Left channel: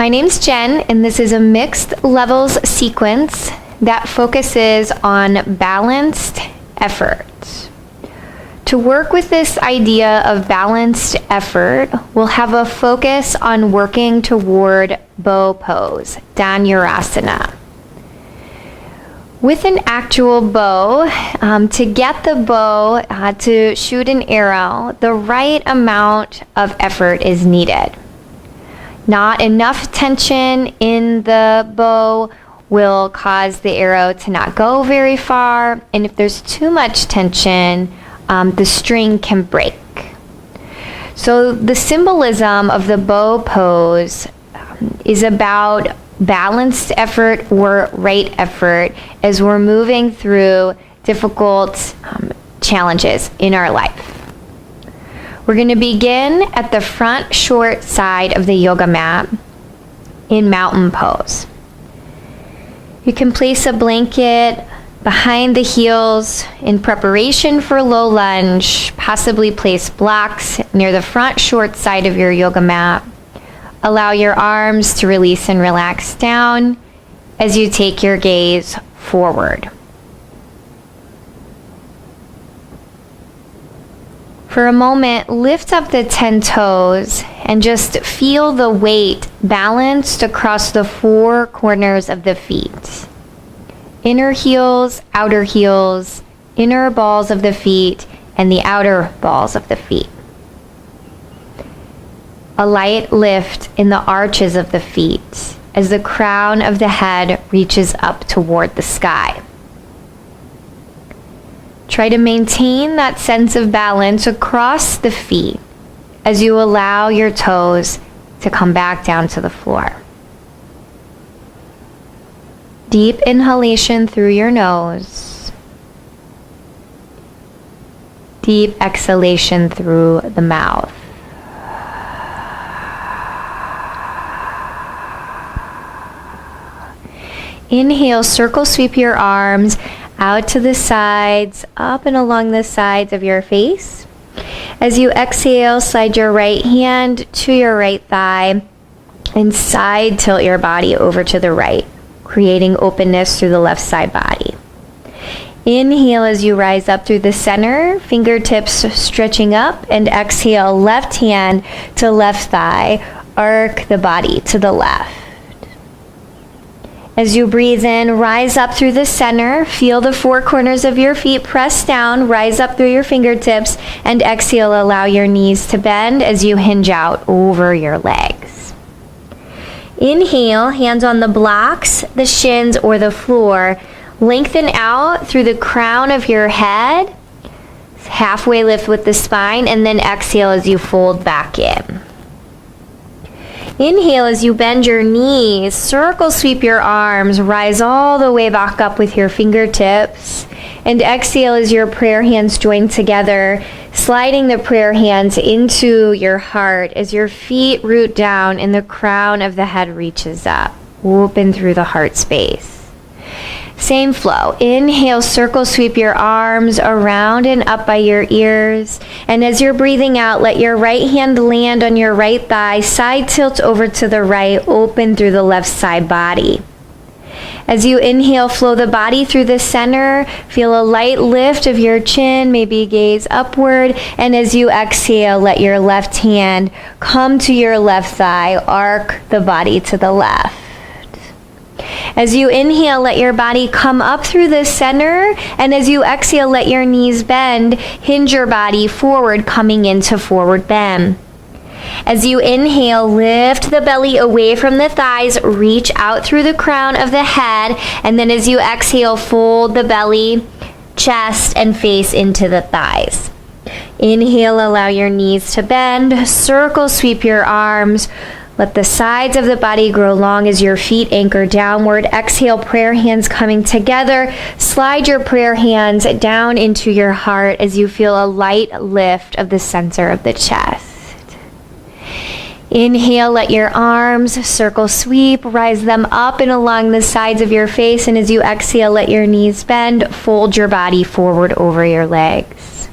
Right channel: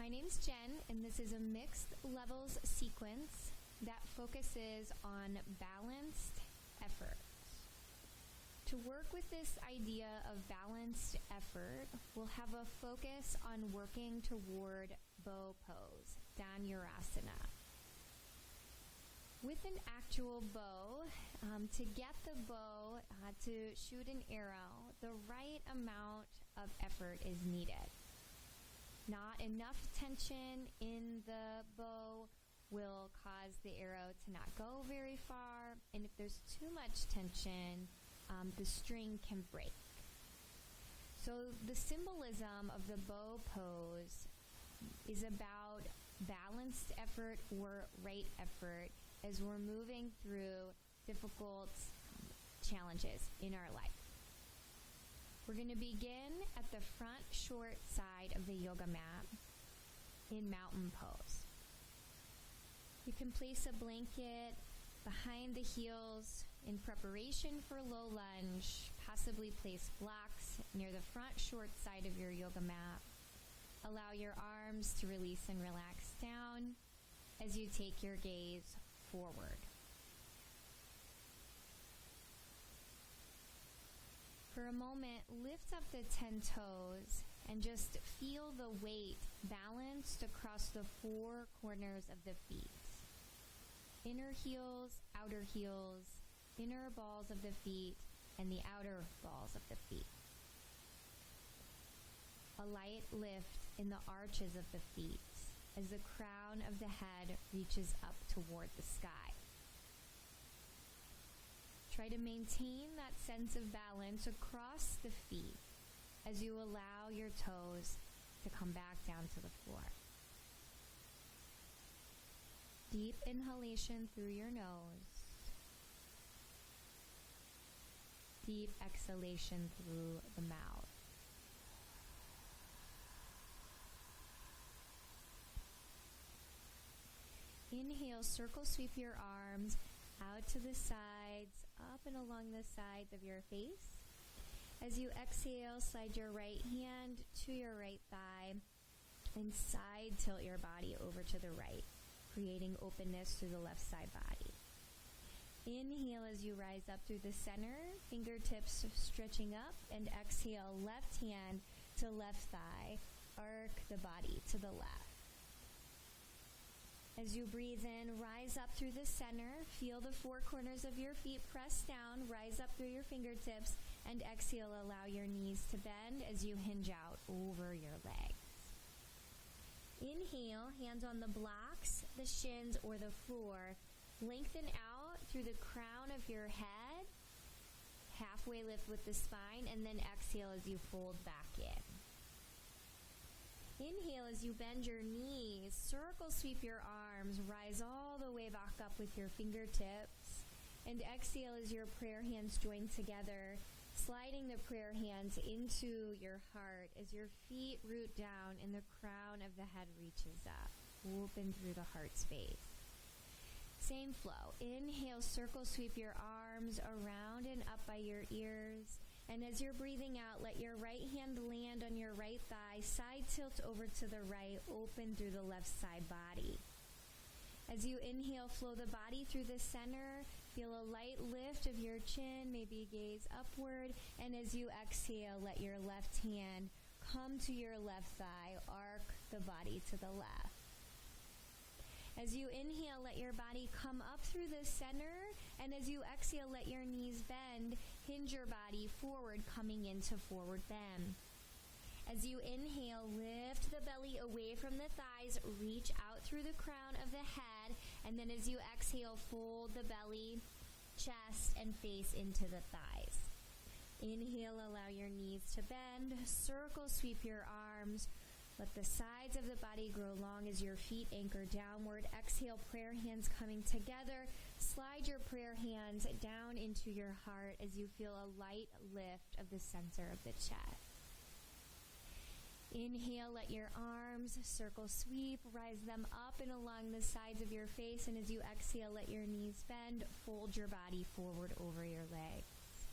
My name's Jen, and this is a mixed levels sequence that focuses on balanced effort. To work with this idea of balanced effort, we'll have a focus on working toward bow pose, Dhanurasana. With an actual bow, to get the bow to shoot an arrow, the right amount of effort is needed. Not enough tension in the bow will cause the arrow to not go very far, and if there's too much tension, the string can break. So the symbolism of the bow pose is about balanced effort or right effort as we're moving through difficult challenges in our life. We're going to begin at the front short side of the yoga mat in mountain pose. You can place a blanket behind the heels in preparation for low lunge. Possibly place blocks near the front short side of your yoga mat. Allow your arms to release and relax down as you take your gaze forward. For a moment, lift up the 10 toes and just feel the weight balanced across the 4 corners of the feet. Inner heels, outer heels, inner balls of the feet, and the outer balls of the feet. A light lift in the arches of the feet as the crown of the head reaches up toward the sky. Try to maintain that sense of balance across the feet as you allow your toes to come back down to the floor. Deep inhalation through your nose. Deep exhalation through the mouth. Inhale, circle sweep your arms out to the sides, up and along the sides of your face. As you exhale, slide your right hand to your right thigh and side tilt your body over to the right, creating openness through the left side body. Inhale as you rise up through the center, fingertips stretching up, and exhale, left hand to left thigh, arc the body to the left. As you breathe in, rise up through the center, feel the 4 corners of your feet press down, rise up through your fingertips, and exhale, allow your knees to bend as you hinge out over your legs. Inhale, hands on the blocks, the shins, or the floor. Lengthen out through the crown of your head, halfway lift with the spine, and then exhale as you fold back in. Inhale as you bend your knees, circle sweep your arms, rise all the way back up with your fingertips, and exhale as your prayer hands join together, sliding the prayer hands into your heart as your feet root down and the crown of the head reaches up, open through the heart space. Same flow. Inhale, circle sweep your arms around and up by your ears. And as you're breathing out, let your right hand land on your right thigh, side tilt over to the right, open through the left side body. As you inhale, flow the body through the center. Feel a light lift of your chin, maybe gaze upward. And as you exhale, let your left hand come to your left thigh, arc the body to the left. As you inhale, let your body come up through the center, and as you exhale, let your knees bend, hinge your body forward, coming into forward bend. As you inhale, lift the belly away from the thighs, reach out through the crown of the head, and then as you exhale, fold the belly, chest, and face into the thighs. Inhale, allow your knees to bend, circle sweep your arms. Let the sides of the body grow long as your feet anchor downward. Exhale, prayer hands coming together. Slide your prayer hands down into your heart as you feel a light lift of the center of the chest. Inhale, let your arms circle sweep, rise them up and along the sides of your face. And as you exhale, let your knees bend, fold your body forward over your legs.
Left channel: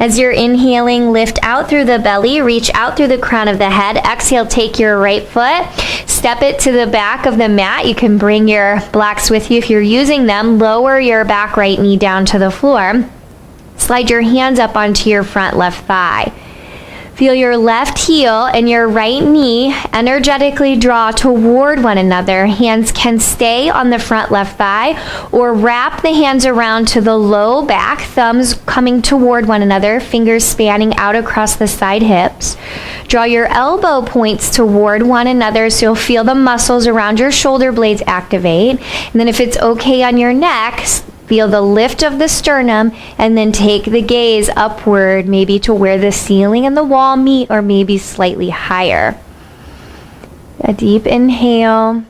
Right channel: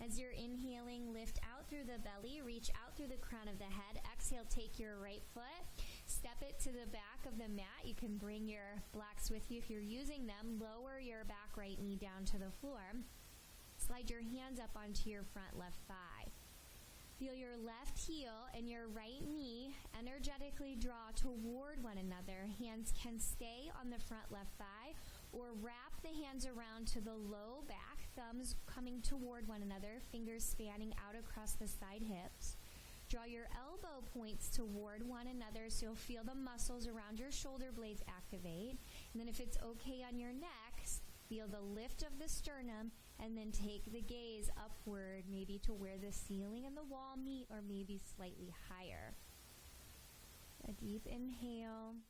As you're inhaling, lift out through the belly, reach out through the crown of the head. Exhale, take your right foot, step it to the back of the mat. You can bring your blocks with you if you're using them. Lower your back right knee down to the floor. Slide your hands up onto your front left thigh. Feel your left heel and your right knee energetically draw toward one another. Hands can stay on the front left thigh or wrap the hands around to the low back, thumbs coming toward one another, fingers spanning out across the side hips. Draw your elbow points toward one another so you'll feel the muscles around your shoulder blades activate. And then if it's okay on your neck, feel the lift of the sternum and then take the gaze upward, maybe to where the ceiling and the wall meet or maybe slightly higher. A deep inhale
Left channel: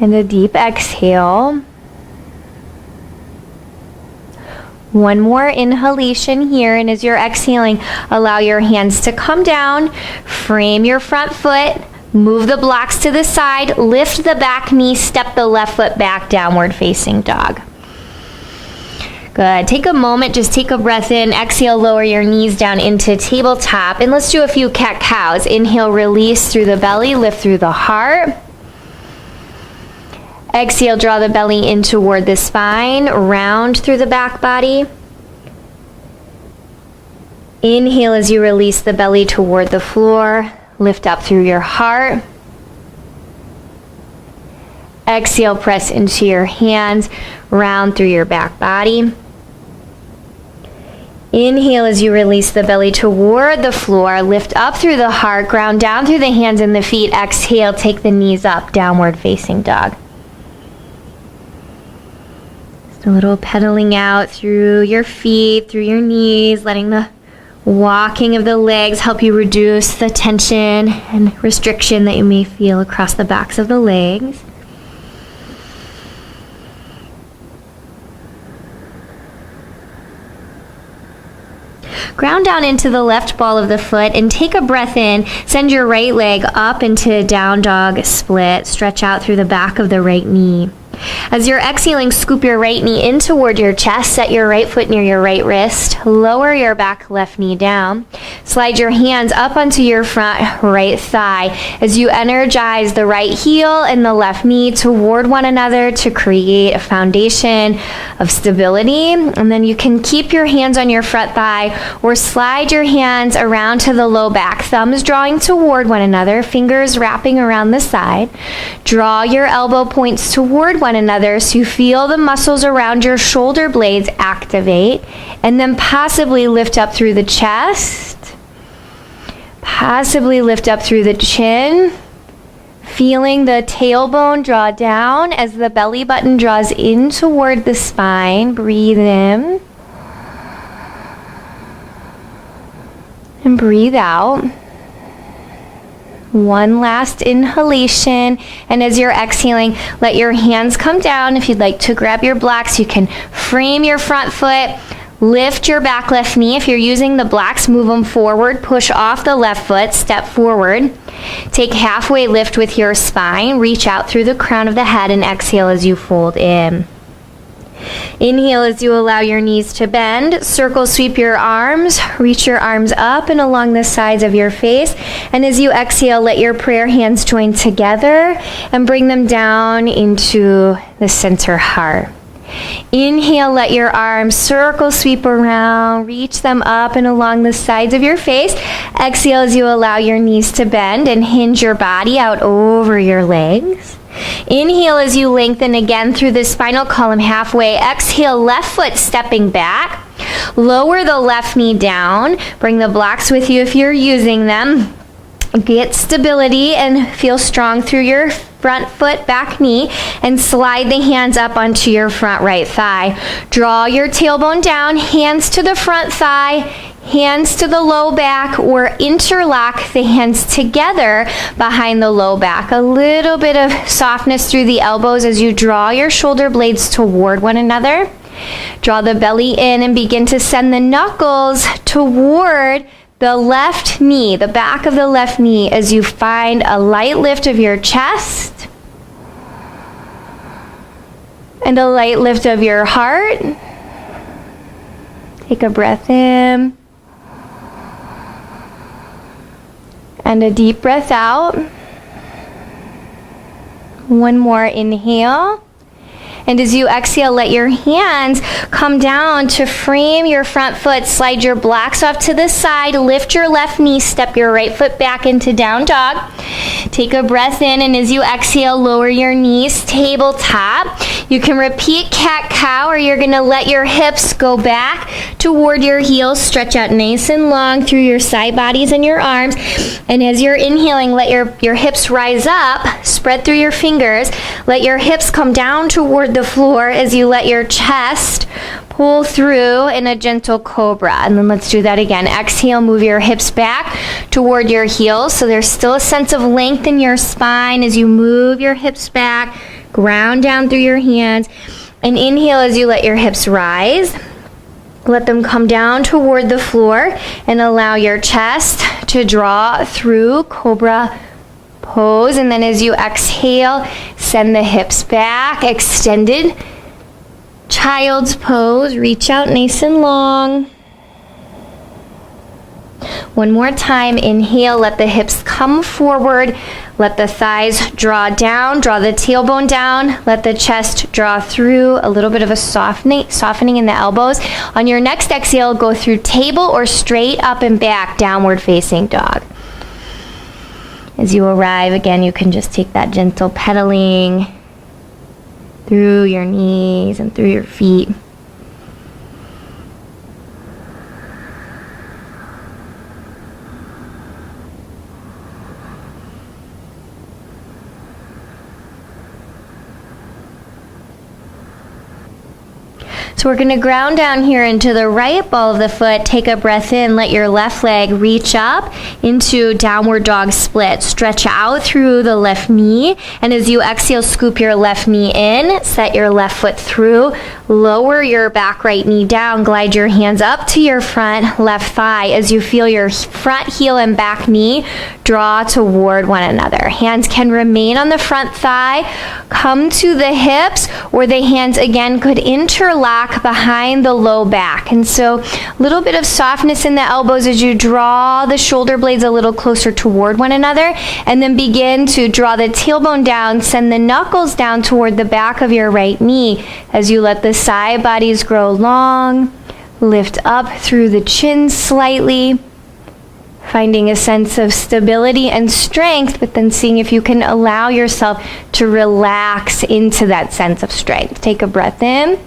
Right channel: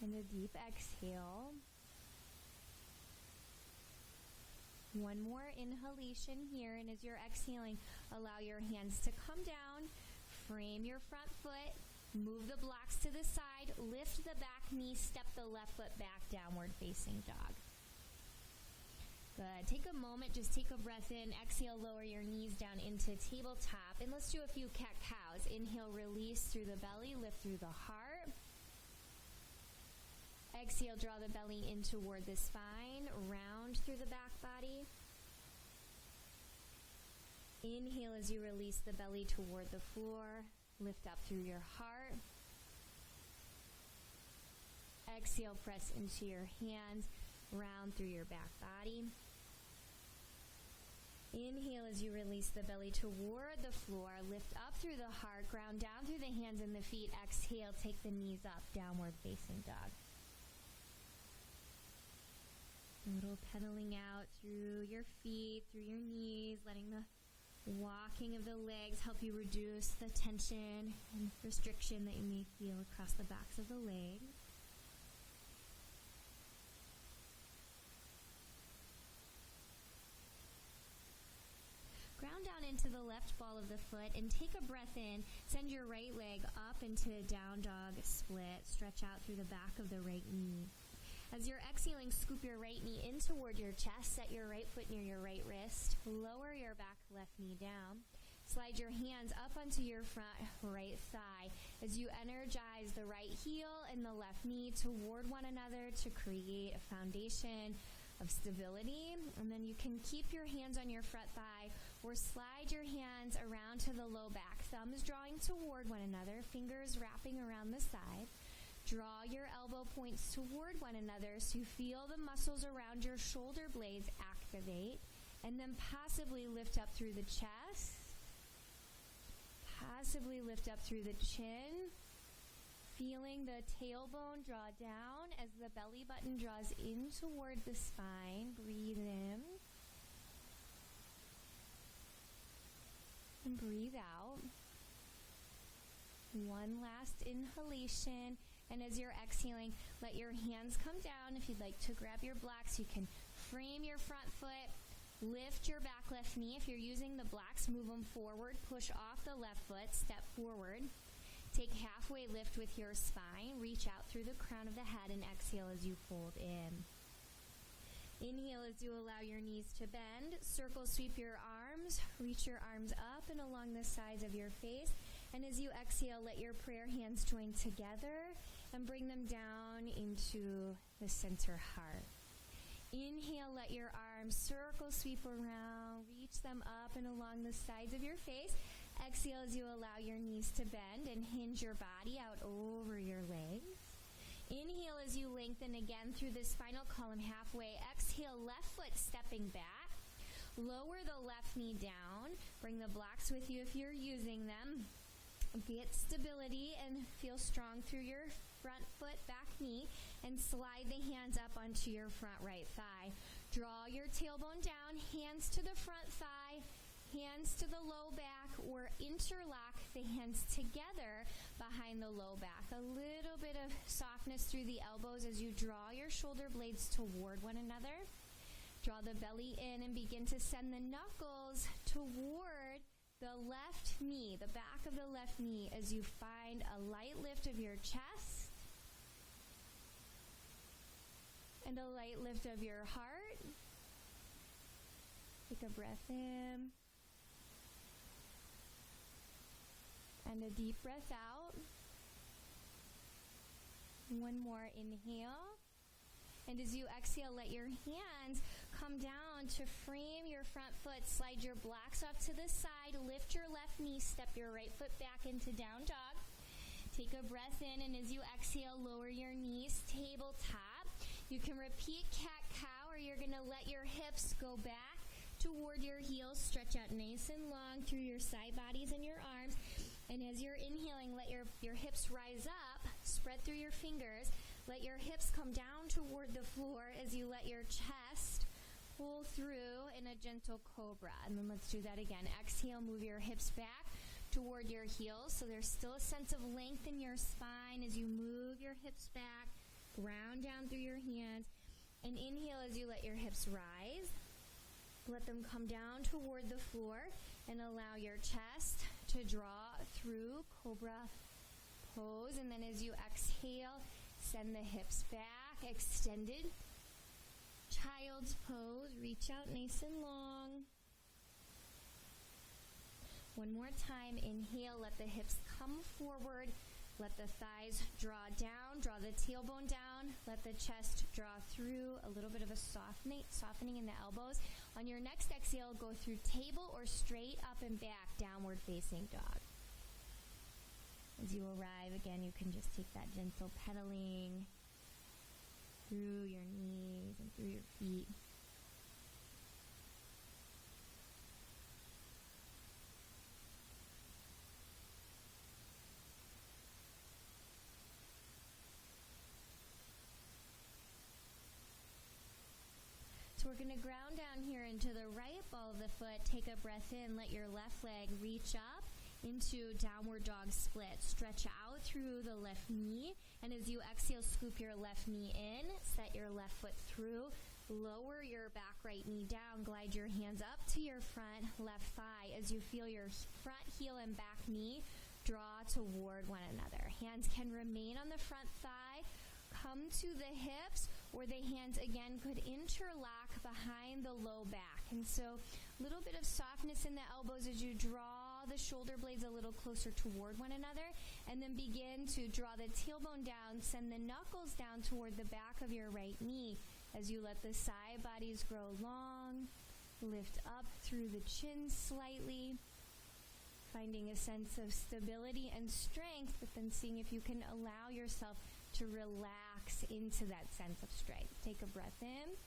and a deep exhale. One more inhalation here, and as you're exhaling, allow your hands to come down, frame your front foot, move the blocks to the side, lift the back knee, step the left foot back, downward facing dog. Good. Take a moment, just take a breath in. Exhale, lower your knees down into tabletop. And let's do a few cat cows. Inhale, release through the belly, lift through the heart. Exhale, draw the belly in toward the spine, round through the back body. Inhale as you release the belly toward the floor. Lift up through your heart. Exhale, press into your hands, round through your back body. Inhale as you release the belly toward the floor. Lift up through the heart, ground down through the hands and the feet. Exhale, take the knees up, downward facing dog. Just a little pedaling out through your feet, through your knees, letting the walking of the legs help you reduce the tension and restriction that you may feel across the backs of the legs. Ground down into the left ball of the foot and take a breath in. Send your right leg up into down dog split. Stretch out through the back of the right knee. As you're exhaling, scoop your right knee in toward your chest. Set your right foot near your right wrist. Lower your back left knee down. Slide your hands up onto your front right thigh as you energize the right heel and the left knee toward one another to create a foundation of stability. And then you can keep your hands on your front thigh or slide your hands around to the low back, thumbs drawing toward one another, fingers wrapping around the side. Draw your elbow points toward one another so you feel the muscles around your shoulder blades activate, and then possibly lift up through the chest, possibly lift up through the chin, feeling the tailbone draw down as the belly button draws in toward the spine. Breathe in and breathe out. One last inhalation, and as you're exhaling, let your hands come down. If you'd like to grab your blocks, you can frame your front foot, lift your back left knee. If you're using the blocks, move them forward, push off the left foot, step forward. Take halfway lift with your spine, reach out through the crown of the head, and exhale as you fold in. Inhale as you allow your knees to bend. Circle sweep your arms. Reach your arms up and along the sides of your face. And as you exhale, let your prayer hands join together and bring them down into the center heart. Inhale, let your arms circle sweep around. Reach them up and along the sides of your face. Exhale as you allow your knees to bend and hinge your body out over your legs. Inhale as you lengthen again through the spinal column halfway. Exhale, left foot stepping back. Lower the left knee down. Bring the blocks with you if you're using them. Get stability and feel strong through your front foot, back knee, and slide the hands up onto your front right thigh. Draw your tailbone down, hands to the front thigh, hands to the low back, or interlock the hands together behind the low back. A little bit of softness through the elbows as you draw your shoulder blades toward one another. Draw the belly in and begin to send the knuckles toward the left knee, the back of the left knee, as you find a light lift of your chest and a light lift of your heart. Take a breath in. And a deep breath out. One more inhale. And as you exhale, let your hands come down to frame your front foot. Slide your blocks off to the side. Lift your left knee. Step your right foot back into down dog. Take a breath in, and as you exhale, lower your knees, tabletop. You can repeat cat-cow, or you're going to let your hips go back toward your heels. Stretch out nice and long through your side bodies and your arms. And as you're inhaling, let your hips rise up. Spread through your fingers. Let your hips come down toward the floor as you let your chest pull through in a gentle cobra. And then let's do that again. Exhale, move your hips back toward your heels. So there's still a sense of length in your spine as you move your hips back, ground down through your hands. And inhale as you let your hips rise. Let them come down toward the floor and allow your chest to draw through cobra pose. And then as you exhale, send the hips back, extended child's pose. Reach out nice and long. One more time. Inhale, let the hips come forward. Let the thighs draw down, draw the tailbone down. Let the chest draw through, a little bit of a softening in the elbows. On your next exhale, go through table or straight up and back, downward facing dog. As you arrive, again, you can just take that gentle pedaling through your knees and through your feet. So we're going to ground down here into the right ball of the foot. Take a breath in. Let your left leg reach up into downward dog split. Stretch out through the left knee. And as you exhale, scoop your left knee in. Set your left foot through. Lower your back right knee down. Glide your hands up to your front left thigh as you feel your front heel and back knee draw toward one another. Hands can remain on the front thigh. Come to the hips, or the hands again could interlock behind the low back. And so a little bit of softness in the elbows as you draw the shoulder blades a little closer toward one another, and then begin to draw the tailbone down, send the knuckles down toward the back of your right knee as you let the side bodies grow long. Lift up through the chin slightly, finding a sense of stability and strength, but then seeing if you can allow yourself to relax into that sense of strength. Take a breath in.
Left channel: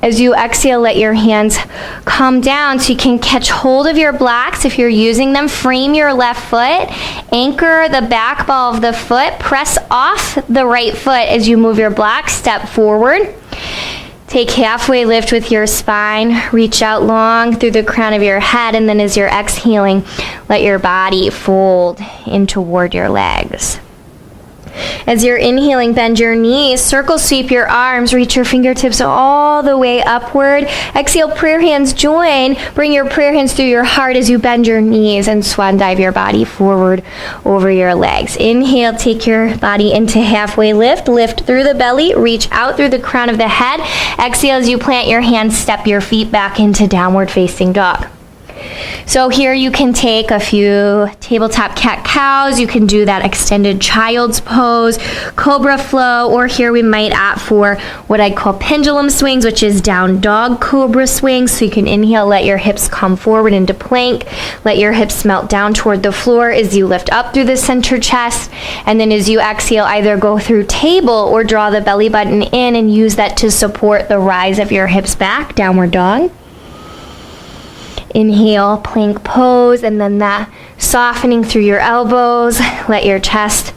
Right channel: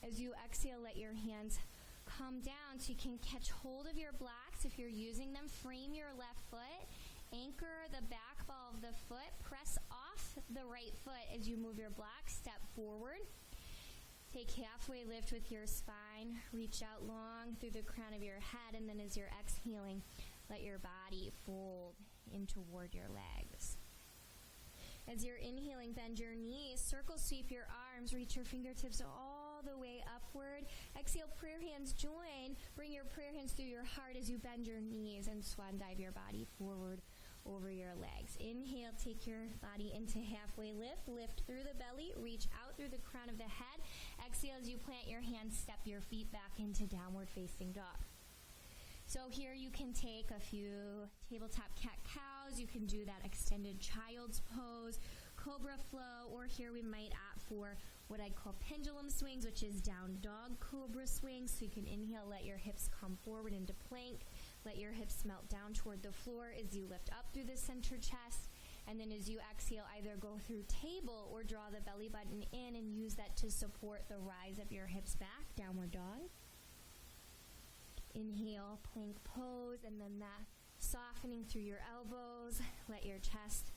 As you exhale, let your hands come down so you can catch hold of your blocks. If you're using them, frame your left foot, anchor the back ball of the foot, press off the right foot as you move your blocks, step forward. Take halfway lift with your spine, reach out long through the crown of your head, and then as you're exhaling, let your body fold in toward your legs. As you're inhaling, bend your knees, circle sweep your arms, reach your fingertips all the way upward. Exhale, prayer hands join. Bring your prayer hands through your heart as you bend your knees and swan dive your body forward over your legs. Inhale, take your body into halfway lift. Lift through the belly, reach out through the crown of the head. Exhale, as you plant your hands, step your feet back into downward facing dog. So here you can take a few tabletop cat-cows. You can do that extended child's pose, cobra flow, or here we might opt for what I call pendulum swings, which is down dog cobra swings. So you can inhale, let your hips come forward into plank. Let your hips melt down toward the floor as you lift up through the center chest. And then as you exhale, either go through table or draw the belly button in and use that to support the rise of your hips back, downward dog. Inhale, plank pose, and then that softening through your elbows. Let your chest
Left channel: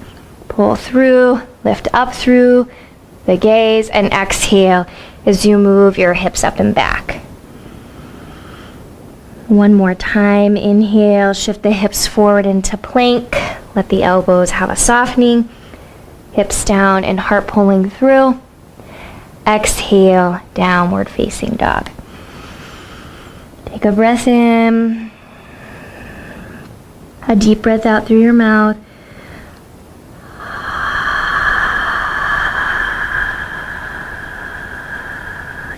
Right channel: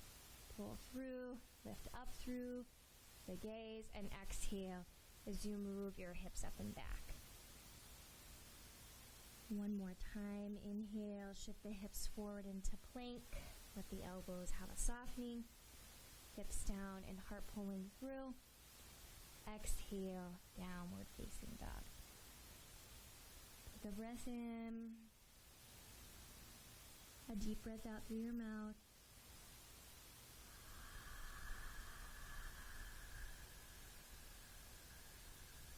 pull through, lift up through the gaze, and exhale as you move your hips up and back. One more time. Inhale, shift the hips forward into plank. Let the elbows have a softening. Hips down and heart pulling through. Exhale, downward facing dog. Take a breath in, a deep breath out through your mouth.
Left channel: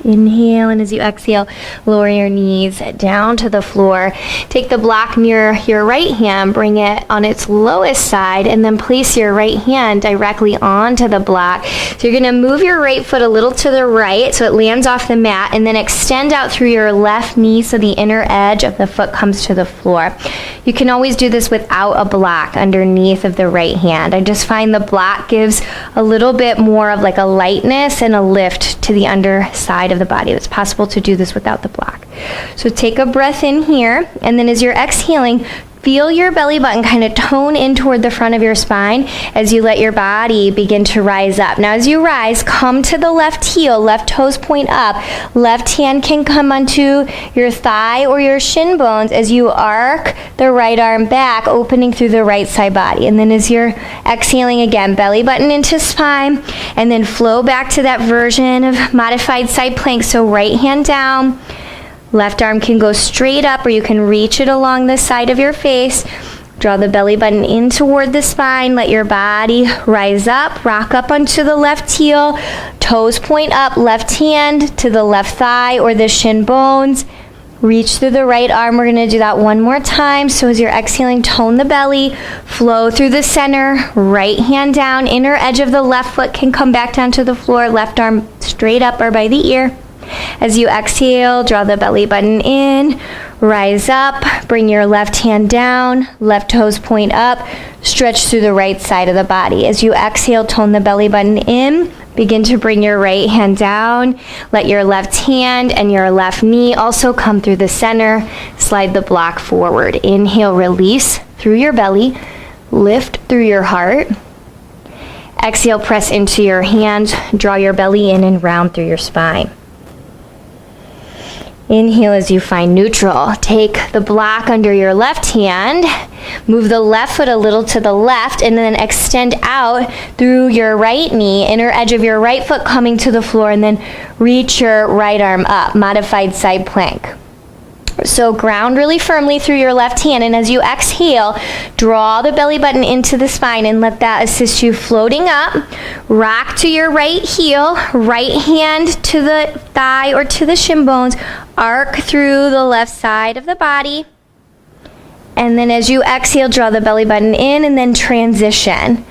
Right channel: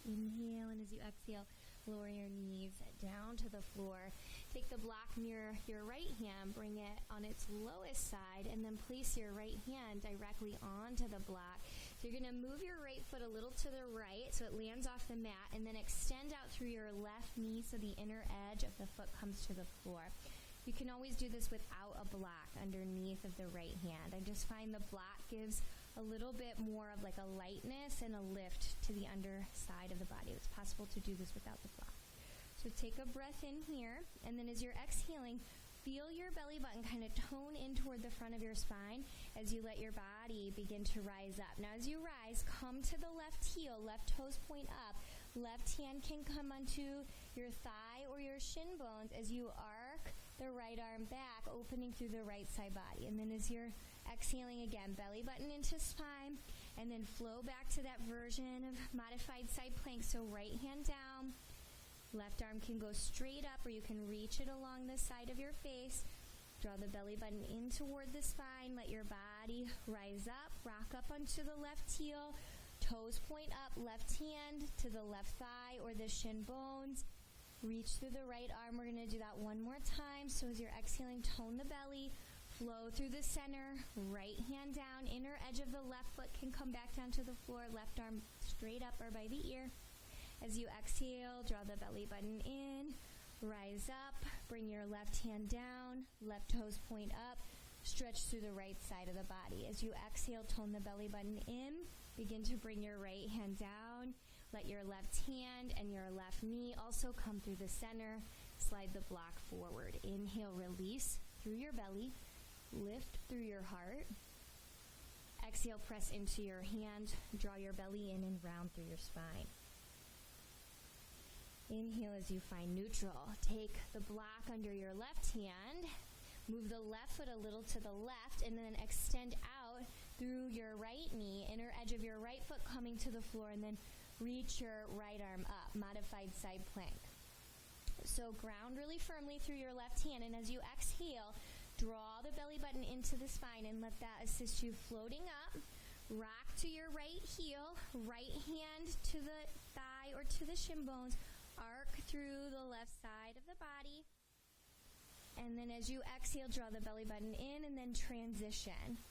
Inhale, and as you exhale, lower your knees down to the floor. Take the block near your right hand, bring it on its lowest side, and then place your right hand directly onto the block. So you're going to move your right foot a little to the right so it lands off the mat, and then extend out through your left knee so the inner edge of the foot comes to the floor. You can always do this without a block underneath of the right hand. I just find the block gives a little bit more of like a lightness and a lift to the underside of the body. It's possible to do this without the block. So take a breath in here, and then as you're exhaling, feel your belly button kind of tone in toward the front of your spine as you let your body begin to rise up. Now as you rise, come to the left heel, left toes point up. Left hand can come onto your thigh or your shin bones as you arc the right arm back, opening through the right side body. And then as you're exhaling again, belly button into spine, and then flow back to that version of modified side plank. So right hand down, left arm can go straight up, or you can reach it along the side of your face. Draw the belly button in toward the spine. Let your body rise up. Rock up onto the left heel. Toes point up. Left hand to the left thigh or the shin bones. Reach through the right arm. We're going to do that one more time. So as you're exhaling, tone the belly. Flow through the center. Right hand down. Inner edge of the left foot can come back down to the floor. Left arm straight up or by the ear. As you exhale, draw the belly button in, rise up, bring your left hand down, left toes point up, stretch through the right side of the body. As you exhale, tone the belly button in, begin to bring your right hand down, let your left hand and your left knee also come through the center, slide the block forward. Inhale, release through your belly, lift through your heart. Exhale, press into your hands, draw your belly in and round through your spine. Inhale as you find neutral. Take the block under your left hand, move the left foot a little to the left, and then extend out through your right knee, inner edge of your right foot coming to the floor, and then reach your right arm up, modified side plank. So ground really firmly through your left hand, and as you exhale, draw the belly button into the spine and let that assist you floating up. Rock to your right heel, right hand to the thigh or to the shin bones, arc through the left side of the body. And then as you exhale, draw the belly button in and then transition.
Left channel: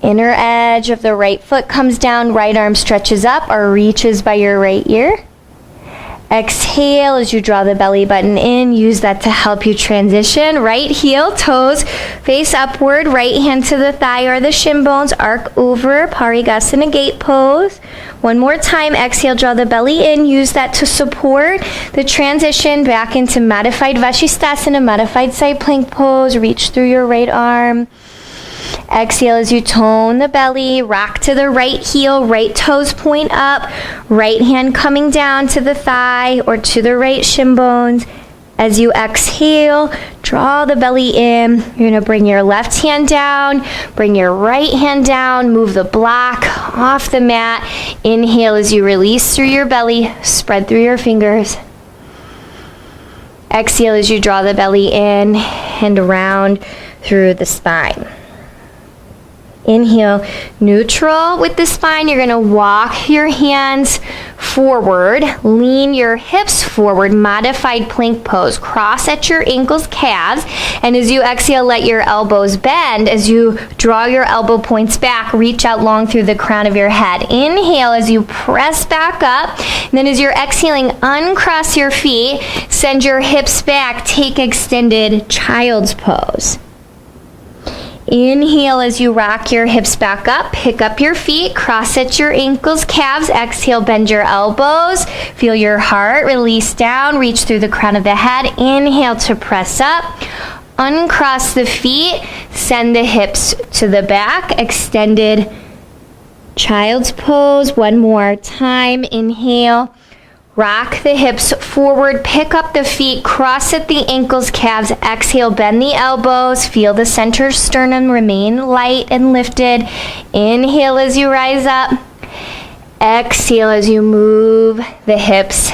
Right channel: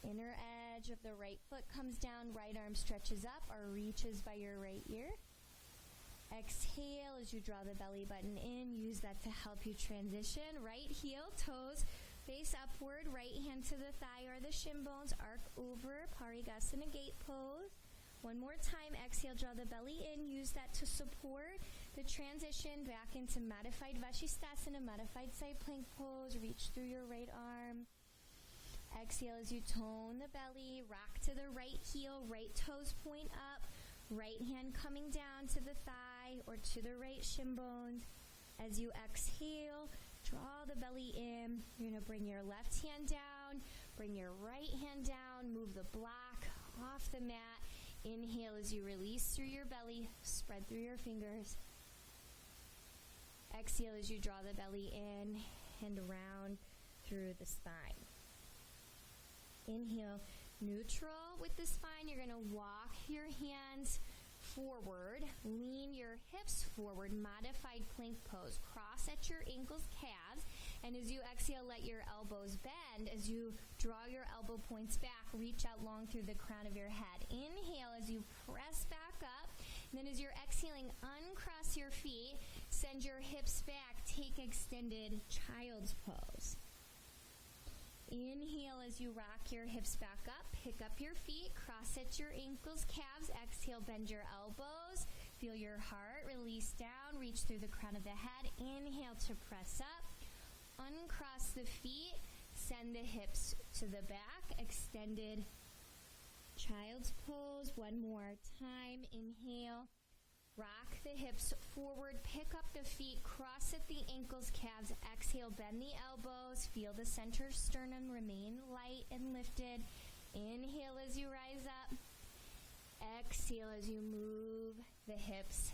Inner edge of the right foot comes down, right arm stretches up or reaches by your right ear. Exhale as you draw the belly button in. Use that to help you transition. Right heel, toes face upward. Right hand to the thigh or the shin bones. Arc over, Parigasana gate pose. One more time. Exhale, draw the belly in. Use that to support the transition back into modified Vashisthasana, modified side plank pose. Reach through your right arm. Exhale as you tone the belly, rock to the right heel, right toes point up, right hand coming down to the thigh or to the right shin bones. As you exhale, draw the belly in. You're going to bring your left hand down, bring your right hand down, move the block off the mat. Inhale as you release through your belly, spread through your fingers. Exhale as you draw the belly in and around through the spine. Inhale, neutral with the spine. You're going to walk your hands forward, lean your hips forward, modified plank pose. Cross at your ankles, calves, and as you exhale, let your elbows bend. As you draw your elbow points back, reach out long through the crown of your head. Inhale as you press back up, and then as you're exhaling, uncross your feet, send your hips back, take extended child's pose. Inhale as you rock your hips back up, pick up your feet, cross at your ankles, calves. Exhale, bend your elbows, feel your heart release down, reach through the crown of the head. Inhale to press up, uncross the feet, send the hips to the back, extended child's pose. One more time. Inhale. Rock the hips forward, pick up the feet, cross at the ankles, calves. Exhale, bend the elbows, feel the center sternum remain light and lifted. Inhale as you rise up. Exhale as you move the hips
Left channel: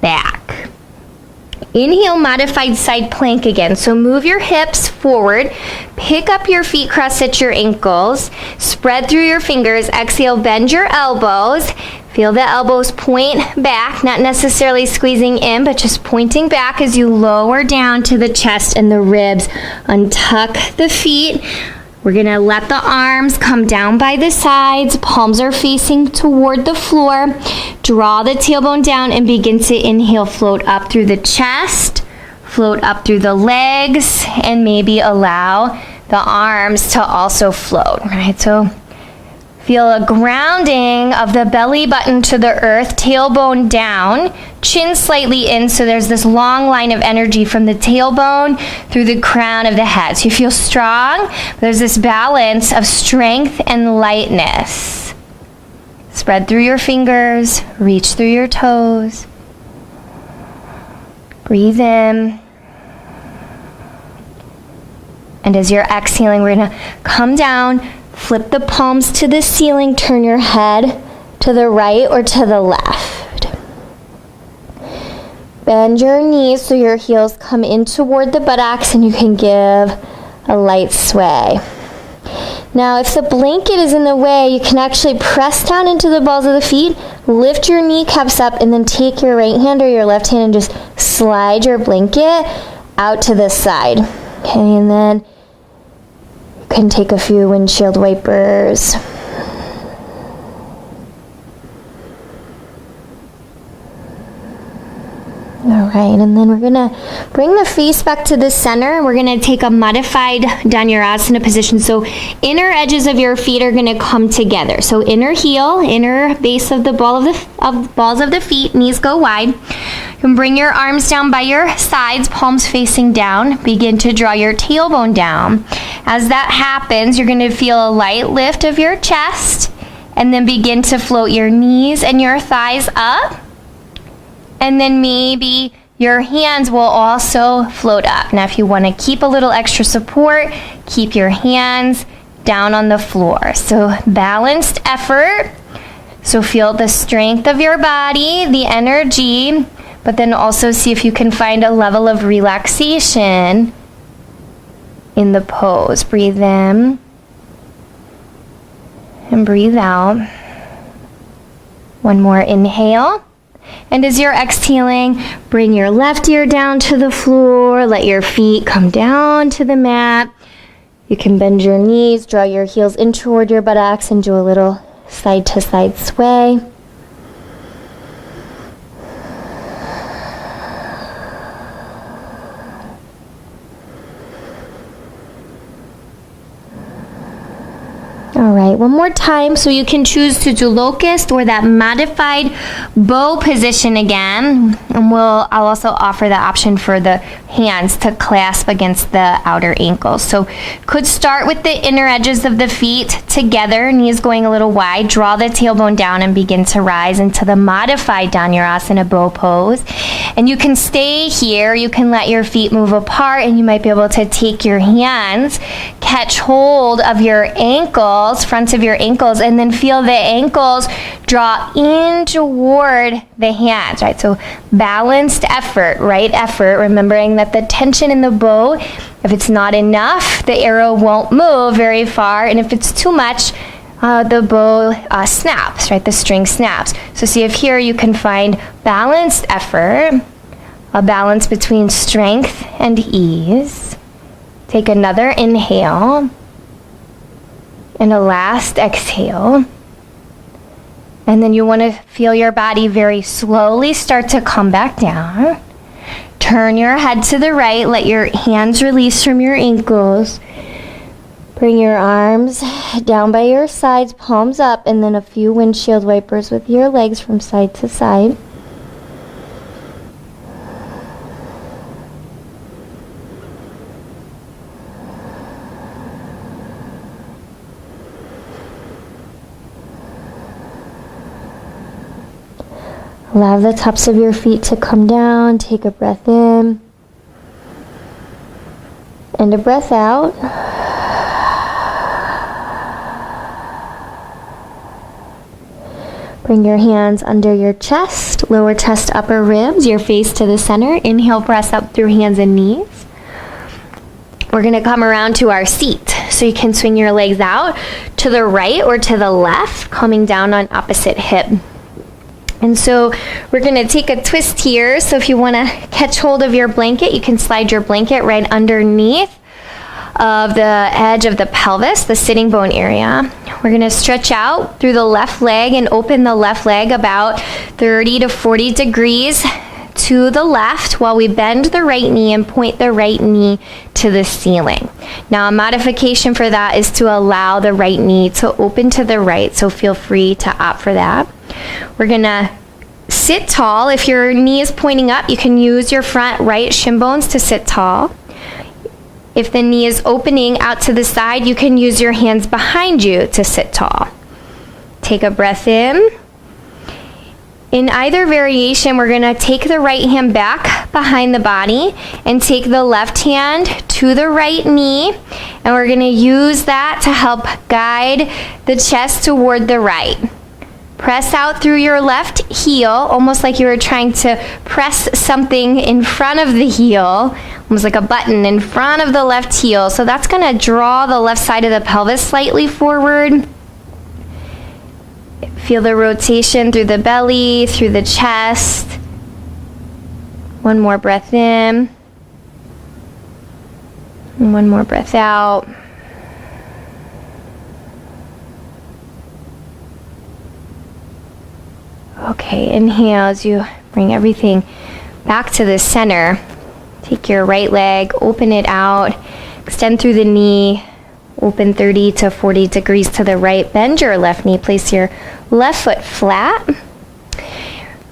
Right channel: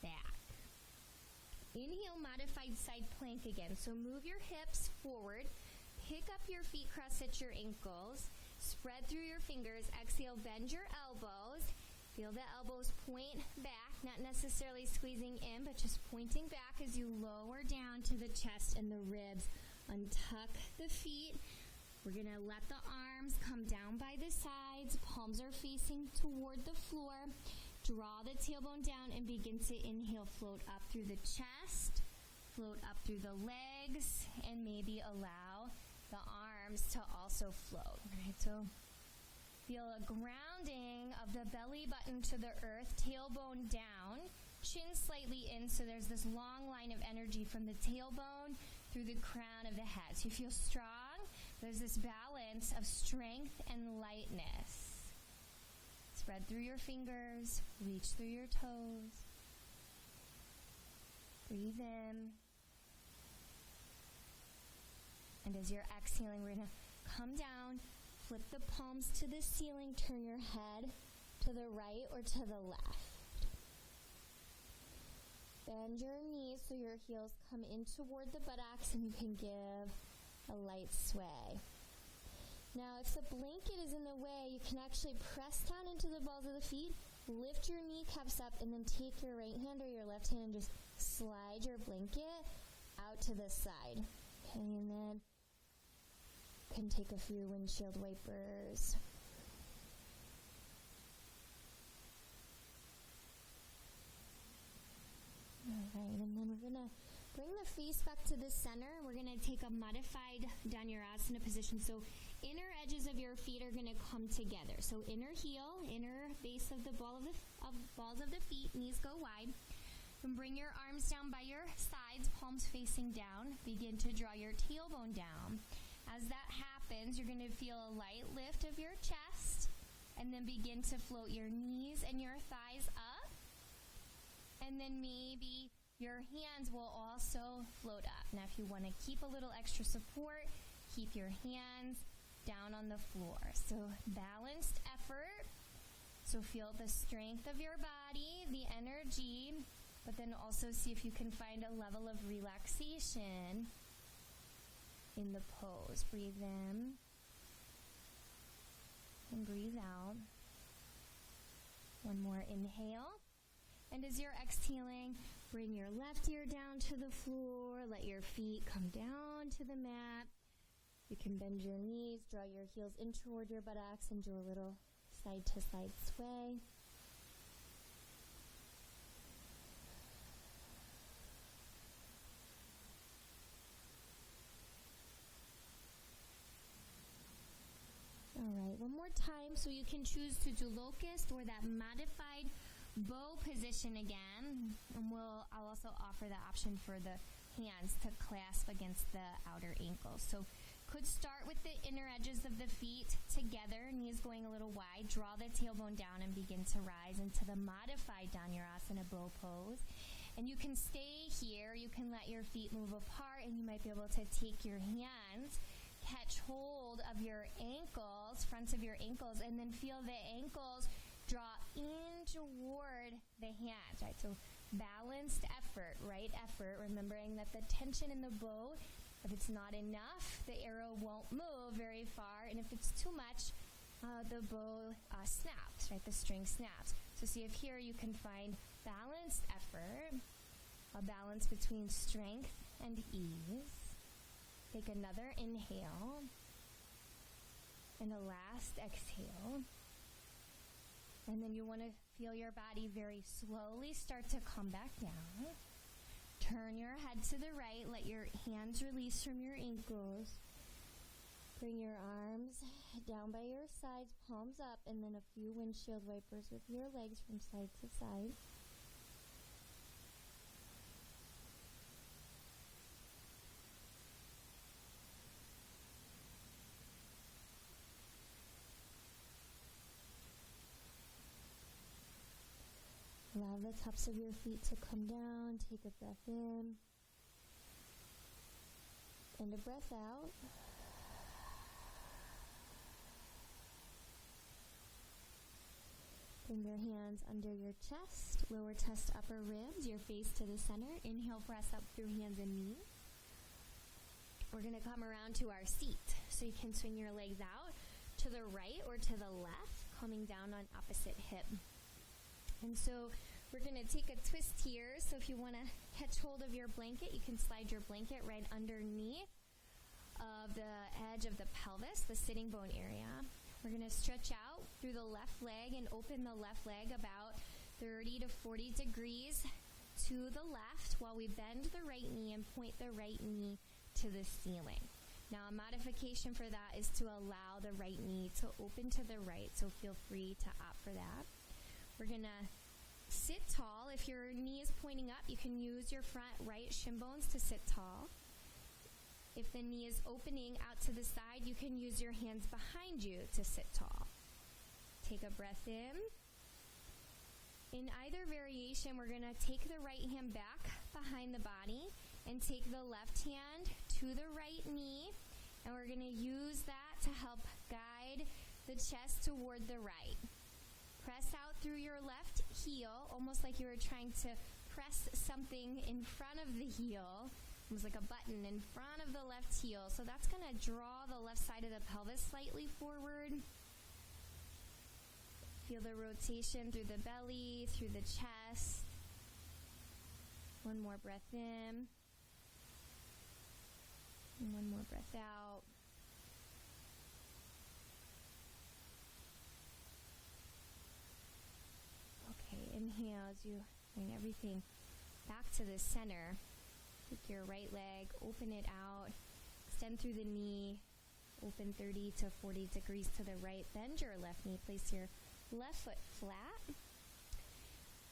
back. Inhale, modified side plank again. So move your hips forward, pick up your feet, cross at your ankles, spread through your fingers. Exhale, bend your elbows. Feel the elbows point back, not necessarily squeezing in, but just pointing back as you lower down to the chest and the ribs. Untuck the feet. We're gonna let the arms come down by the sides. Palms are facing toward the floor. Draw the tailbone down and begin to inhale, float up through the chest, float up through the legs, and maybe allow the arms to also float, right? So feel a grounding of the belly button to the earth, tailbone down, chin slightly in, so there's this long line of energy from the tailbone through the crown of the head. So you feel strong, but there's this balance of strength and lightness. Spread through your fingers, reach through your toes. Breathe in. And as you're exhaling, we're gonna come down, flip the palms to the ceiling, turn your head to the right or to the left. Bend your knees so your heels come in toward the buttocks and you can give a light sway. Now, if the blanket is in the way, you can actually press down into the balls of the feet, lift your kneecaps up, and then take your right hand or your left hand and just slide your blanket out to the side. Okay, and then can take a few windshield wipers. All right, and then we're gonna bring the face back to the center. We're gonna take a modified Dhanurasana position. So inner edges of your feet are gonna come together. So inner heel, inner base of the balls of the feet, knees go wide. You can bring your arms down by your sides, palms facing down. Begin to draw your tailbone down. As that happens, you're going to feel a light lift of your chest, and then begin to float your knees and your thighs up. And then maybe your hands will also float up. Now, if you want to keep a little extra support, keep your hands down on the floor. So balanced effort. So feel the strength of your body, the energy, but then also see if you can find a level of relaxation in the pose. Breathe in and breathe out. One more inhale. And as you're exhaling, bring your left ear down to the floor. Let your feet come down to the mat. You can bend your knees, draw your heels in toward your buttocks, and do a little side to side sway. All right, one more time. So you can choose to do locust or that modified bow position again. And I'll also offer the option for the hands to clasp against the outer ankles. So could start with the inner edges of the feet together, knees going a little wide. Draw the tailbone down and begin to rise into the modified Dhanurasana bow pose. And you can stay here. You can let your feet move apart, and you might be able to take your hands, catch hold of your ankles, fronts of your ankles, and then feel the ankles draw in toward the hands, right? So balanced effort, right effort, remembering that the tension in the bow, if it's not enough, the arrow won't move very far, and if it's too much, the bow snaps, right? The string snaps. So see if here you can find balanced effort, a balance between strength and ease. Take another inhale and a last exhale. And then you want to feel your body very slowly start to come back down. Turn your head to the right. Let your hands release from your ankles. Bring your arms down by your sides, palms up, and then a few windshield wipers with your legs from side to side. Allow the tops of your feet to come down. Take a breath in and a breath out. Bring your hands under your chest, lower chest, upper ribs, your face to the center. Inhale, press up through hands and knees. We're going to come around to our seat. So you can swing your legs out to the right or to the left, coming down on opposite hip. And so we're going to take a twist here. So if you want to catch hold of your blanket, you can slide your blanket right underneath of the edge of the pelvis, the sitting bone area. We're going to stretch out through the left leg and open the left leg about 30 to 40 degrees to the left while we bend the right knee and point the right knee to the ceiling. Now, a modification for that is to allow the right knee to open to the right, so feel free to opt for that. We're going to sit tall. If your knee is pointing up, you can use your front right shin bones to sit tall. If the knee is opening out to the side, you can use your hands behind you to sit tall. Take a breath in. In either variation, we're going to take the right hand back behind the body and take the left hand to the right knee, and we're going to use that to help guide the chest toward the right. Press out through your left heel, almost like you were trying to press something in front of the heel, almost like a button in front of the left heel. So that's going to draw the left side of the pelvis slightly forward. Feel the rotation through the belly, through the chest. One more breath in. And one more breath out. Okay, inhale as you bring everything back to the center. Take your right leg, open it out, extend through the knee, open 30 to 40 degrees to the right. Bend your left knee, place your left foot flat.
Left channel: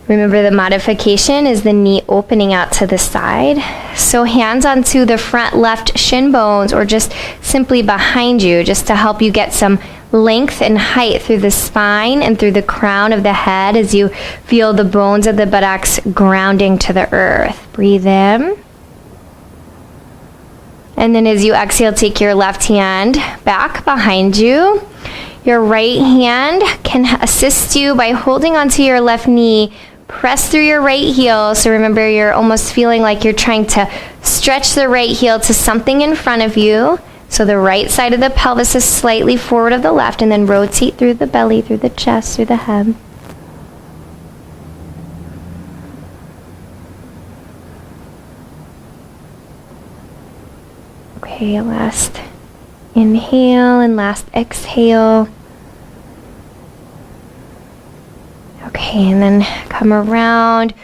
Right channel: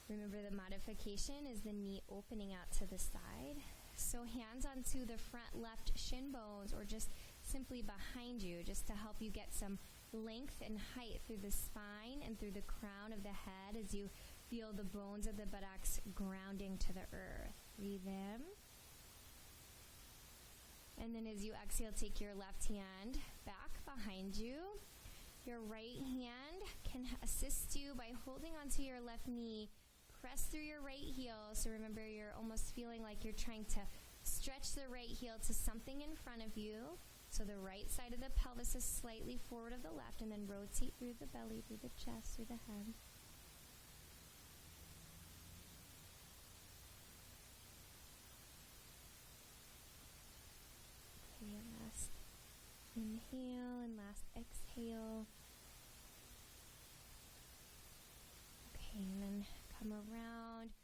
Remember, the modification is the knee opening out to the side. So hands onto the front left shin bones or just simply behind you, just to help you get some length and height through the spine and through the crown of the head as you feel the bones of the buttocks grounding to the earth. Breathe in. And then as you exhale, take your left hand back behind you. Your right hand can assist you by holding onto your left knee. Press through your right heel. So remember, you're almost feeling like you're trying to stretch the right heel to something in front of you. So the right side of the pelvis is slightly forward of the left, and then rotate through the belly, through the chest, through the head. Okay, last inhale and last exhale. Okay, and then come around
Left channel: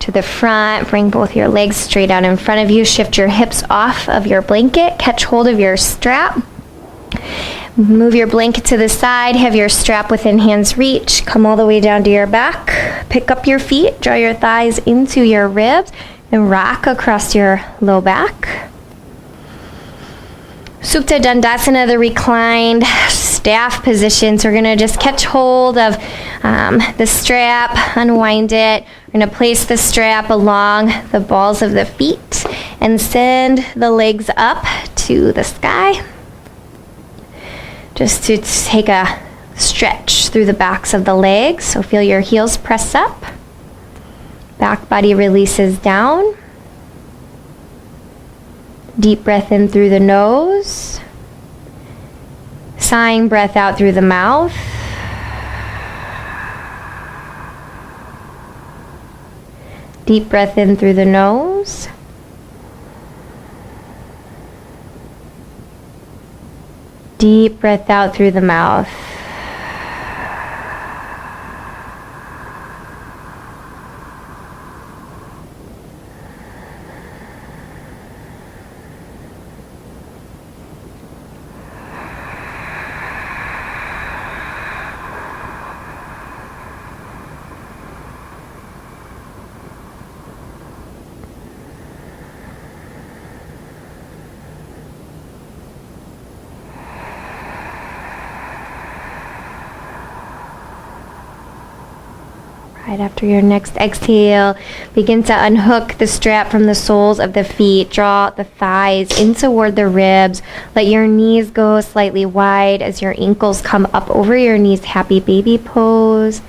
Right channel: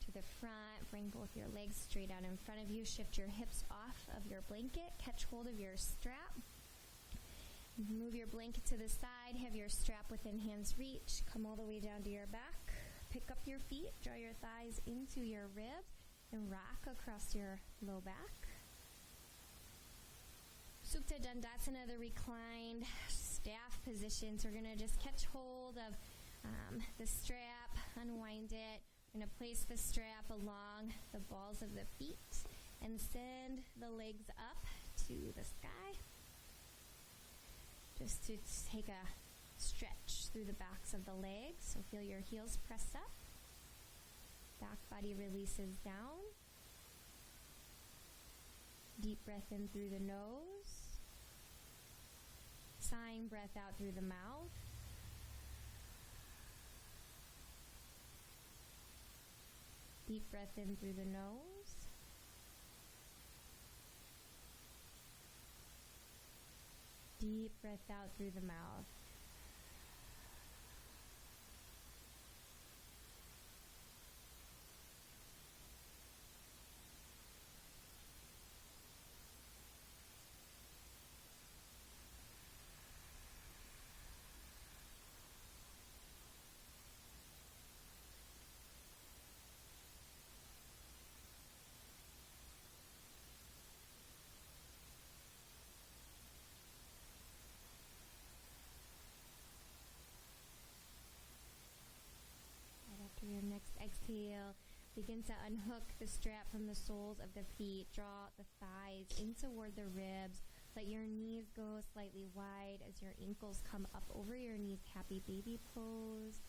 to the front, bring both your legs straight out in front of you, shift your hips off of your blanket, catch hold of your strap, move your blanket to the side, have your strap within hand's reach, come all the way down to your back, pick up your feet, draw your thighs into your ribs, and rock across your low back. Supta Dandasana, the reclined staff position. So we're going to just catch hold of the strap, unwind it. We're going to place the strap along the balls of the feet and send the legs up to the sky. Just to take a stretch through the backs of the legs. So feel your heels press up. Back body releases down. Deep breath in through the nose. Sighing breath out through the mouth. Deep breath in through the nose. Deep breath out through the mouth. Right after your next exhale, begin to unhook the strap from the soles of the feet. Draw the thighs in toward the ribs. Let your knees go slightly wide as your ankles come up over your knees. Happy baby pose.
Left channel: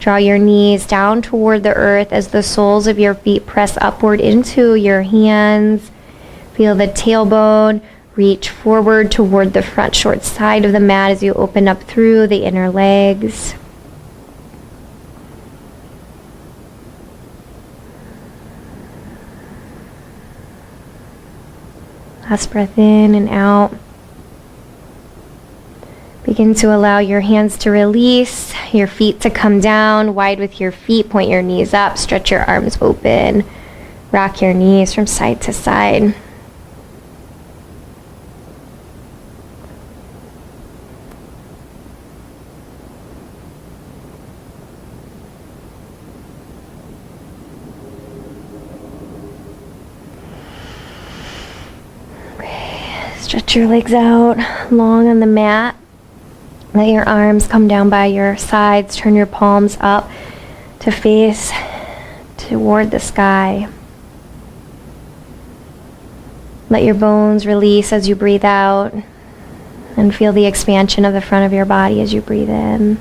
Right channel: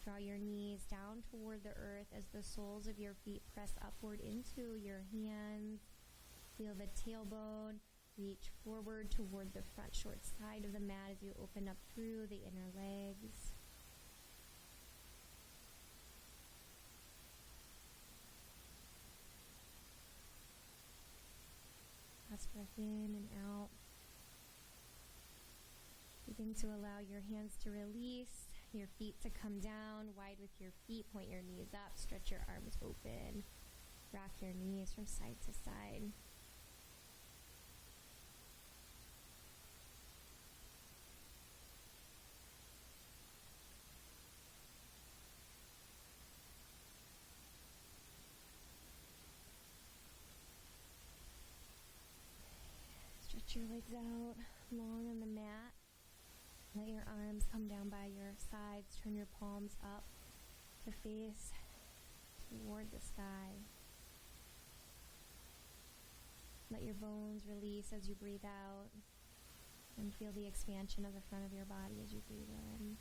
Draw your knees down toward the earth as the soles of your feet press upward into your hands. Feel the tailbone reach forward toward the front short side of the mat as you open up through the inner legs. Last breath in and out. Begin to allow your hands to release, your feet to come down, wide with your feet, point your knees up, stretch your arms open, rock your knees from side to side. Stretch your legs out long on the mat. Let your arms come down by your sides. Turn your palms up to face toward the sky. Let your bones release as you breathe out, and feel the expansion of the front of your body as you breathe in.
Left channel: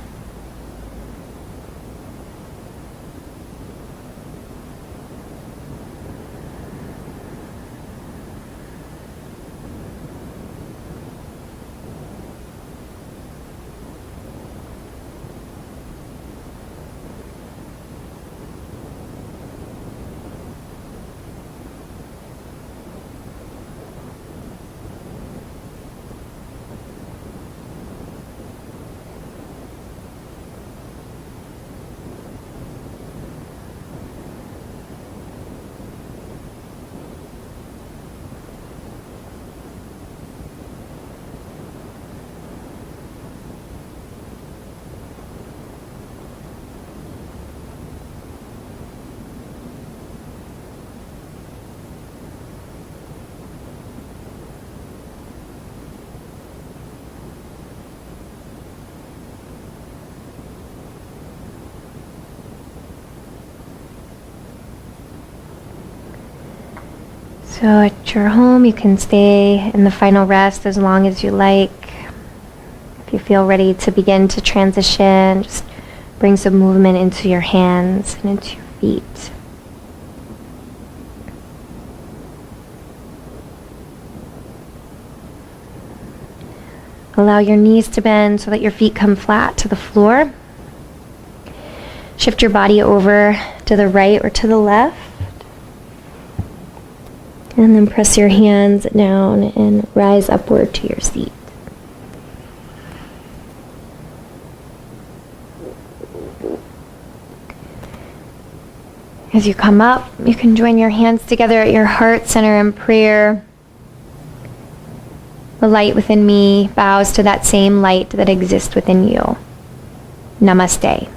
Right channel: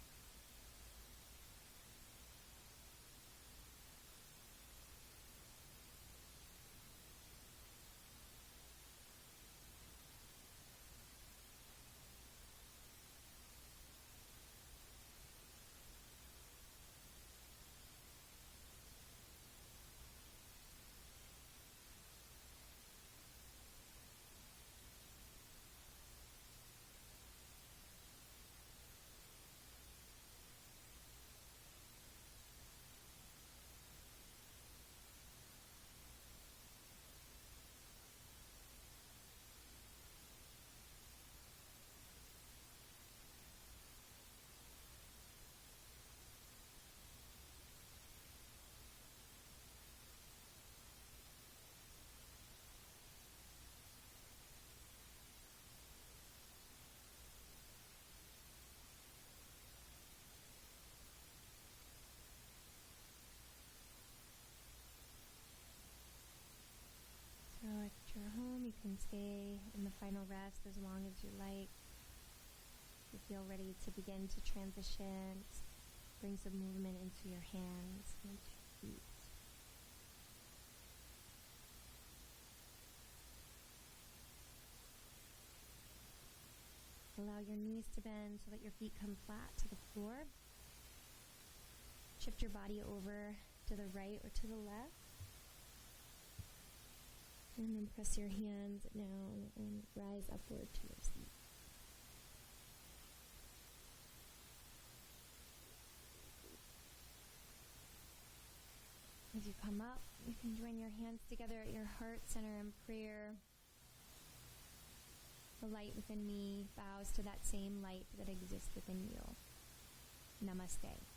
So at your home, you can stay in the final rest as long as you like. If you feel ready to begin to transition, just bring some movement into your hands and into your feet. Allow your knees to bend so that your feet come flat to the floor. Shift your body over to the right or to the left. And then press your hands down and rise upward to your seat. As you come up, you can join your hands together at your heart center in prayer. The light within me bows to that same light that exists within you. Namaste.